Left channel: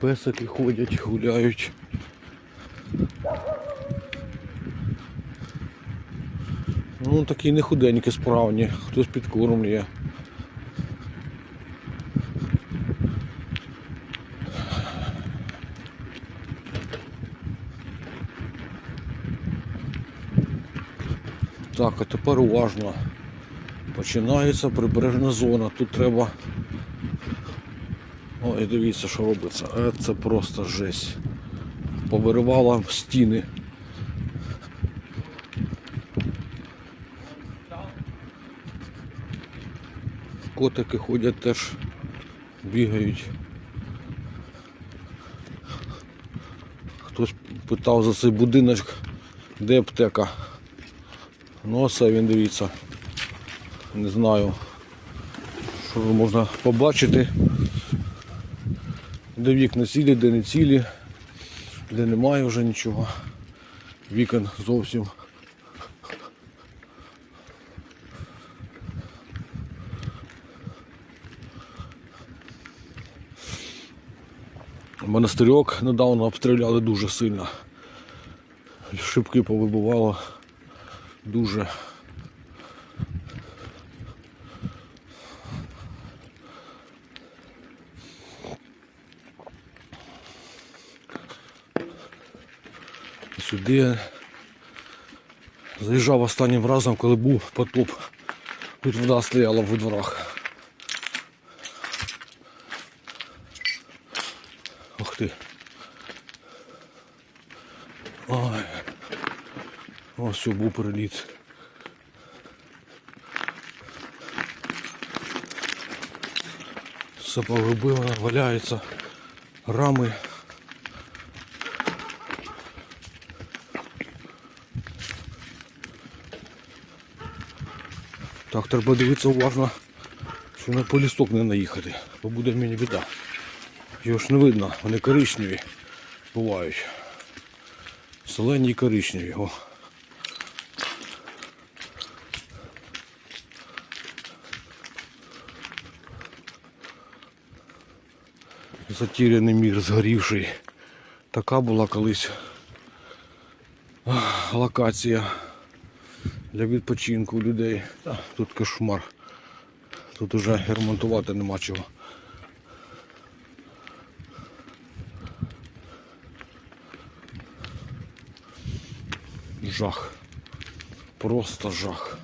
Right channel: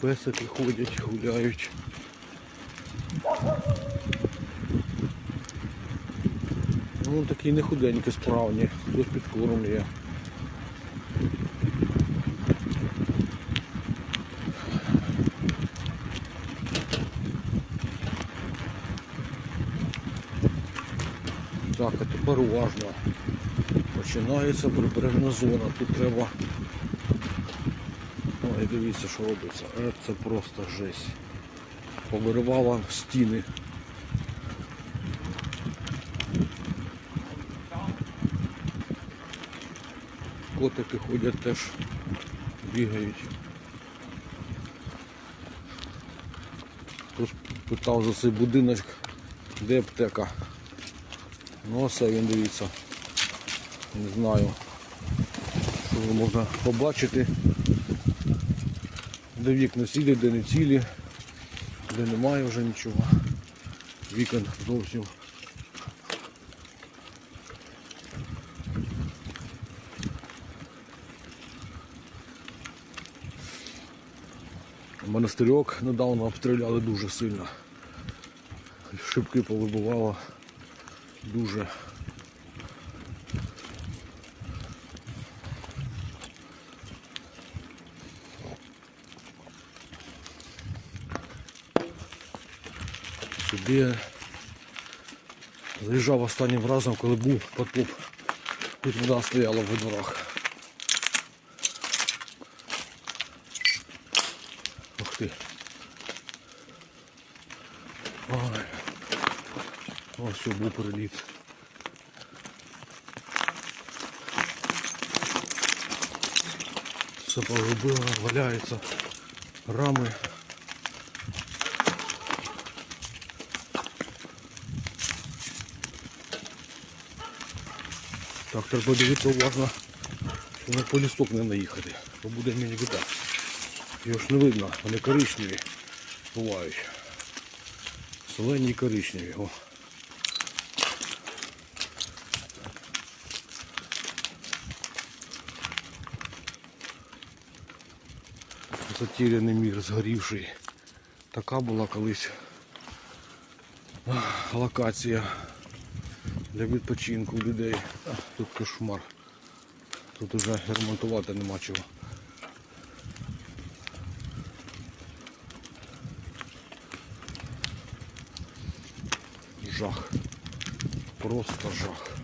Песики ходять, гуляють. Ну такі не худенькі справні, хтось підкормлює. Так, а тепер уважно. Починається прибережна зона. Тут треба. Ой, дивіться, що робиться. Е, Це просто жесть. Повиривала стіни. Котики ходять теж, бігають. Хтось питав за цей будиночок, де аптека. Ну оце він дивіться. Не знаю, що можна побачити. Де вікна цілі, де не цілі, де немає вже нічого. Вікон зовсім. Монастирьок недавно обстріляли дуже сильно. Шибки повибивало дуже. Сюди заїжджав останнім разом, коли був потоп. Тут вода стояла в дворах. Ух ти. Ой. Ось був переліт. Все погубило, валяються рами. Так, треба дивитися уважно, що на полісток не наїхати, бо буде мені біда. Його ж не видно, вони коричневі бувають. Зелені і коричневі. О. Затіряний мір згорівший. Така була колись локація для відпочинку людей. Тут кошмар. Тут уже ремонтувати нема чого. Жах. Просто жах.